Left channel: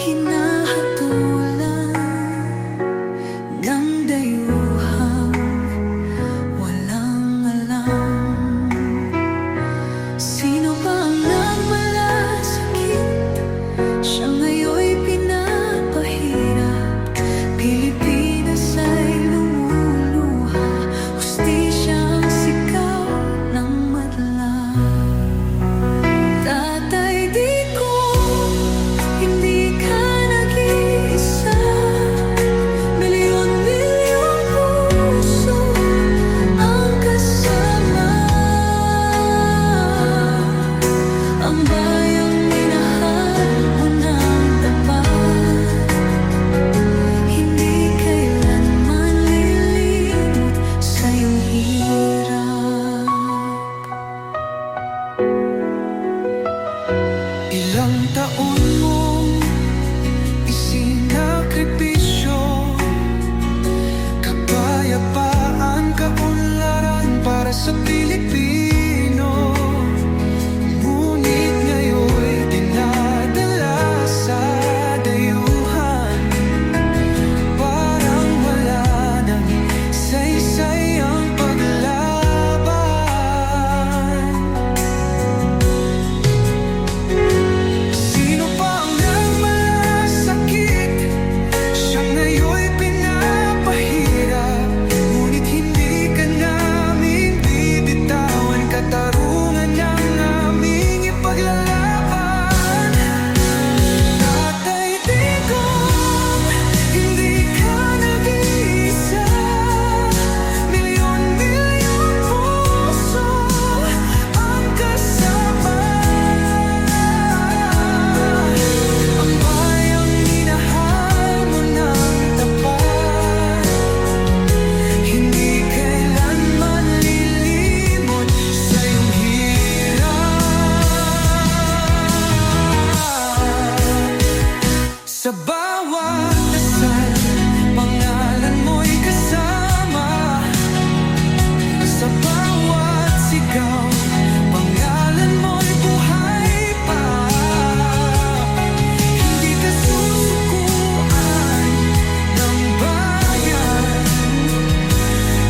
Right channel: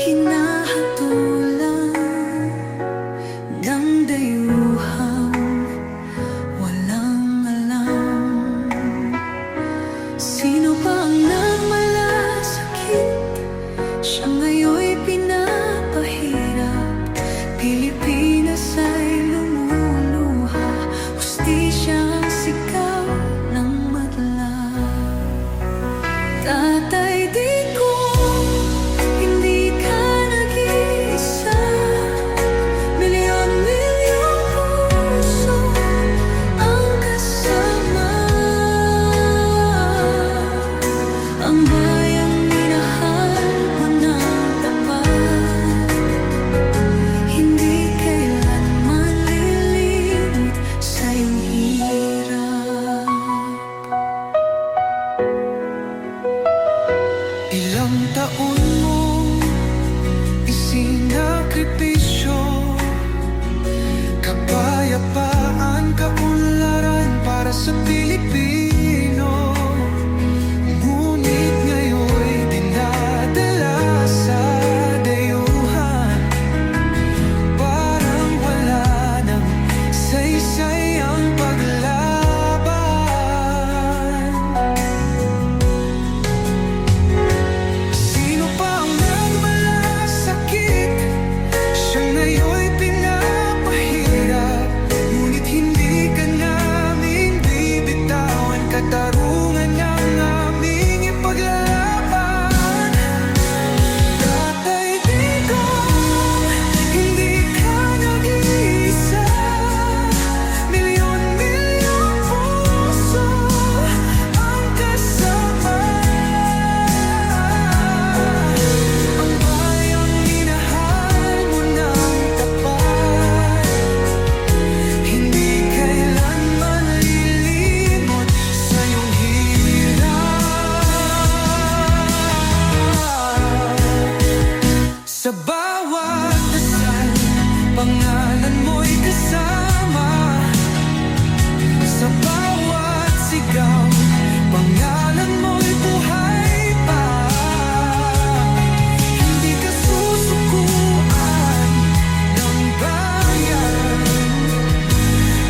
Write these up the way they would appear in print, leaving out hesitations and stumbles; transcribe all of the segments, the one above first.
hinahatulan ng dayuhang walang alam. Sino pa ang nagmalasakit? Siya ngayon'y pinapahirap. Pilipinas ay lumuluha, hustisya ang sigaw ng madla. Tatay Digong, hindi ka nag-iisa. Milyon-milyong puso ang kasama. Ang bayang minahal mo ng tapat, hindi kailanman lilimot sa iyong hirap. Ilang taon mong isinakripisyo, kapayapaan, kaunlaran para sa Pilipino. Ngunit ngayon'y dinadala sa dayuhan, parang wala nang saysay ang paglaban. Sino pa ang nagmalasakit? Siya ngayon'y pinapahirap. Ngunit hindi ka naming bibitawan, katarungan ng aming ipaglalaban. Tatay Digong, hindi ka nag-iisa. Milyon-milyong puso ang kasama. Ang bayang minahal mo ng tapat, hindi kailanman lilimot sa iyong hirap. Sa bawat dasal, pangalan mo'y kasama. Sa bawat sigaw, pangalan mo'y buhay pa. Hindi ka susukuan ng bayan,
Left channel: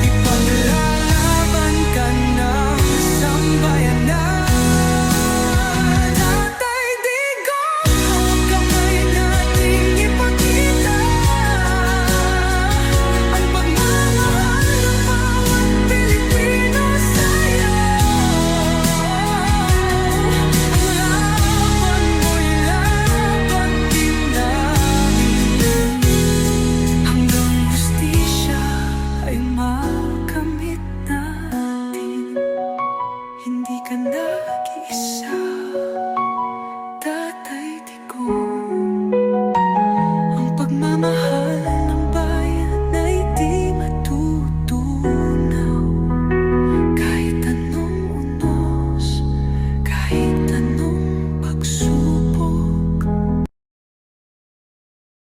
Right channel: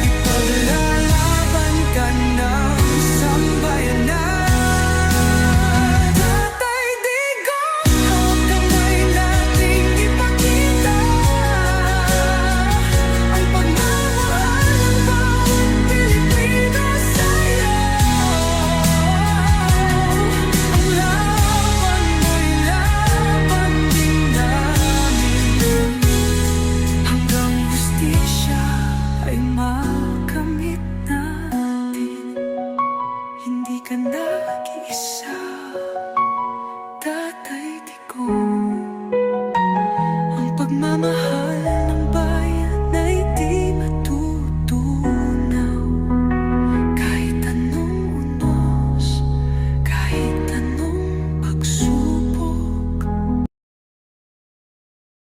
ipaglalaban ka ng sambayanan. Tatay Digong, hawak kamay nating ipakita ang pagmamahal ng bawat Pilipino sa'yo. Ang laban mo'y laban din namin, hanggang hustisya ay makamit natin. Hindi ka nag-iisa, Tatay Digong. Ang pagmamahal ng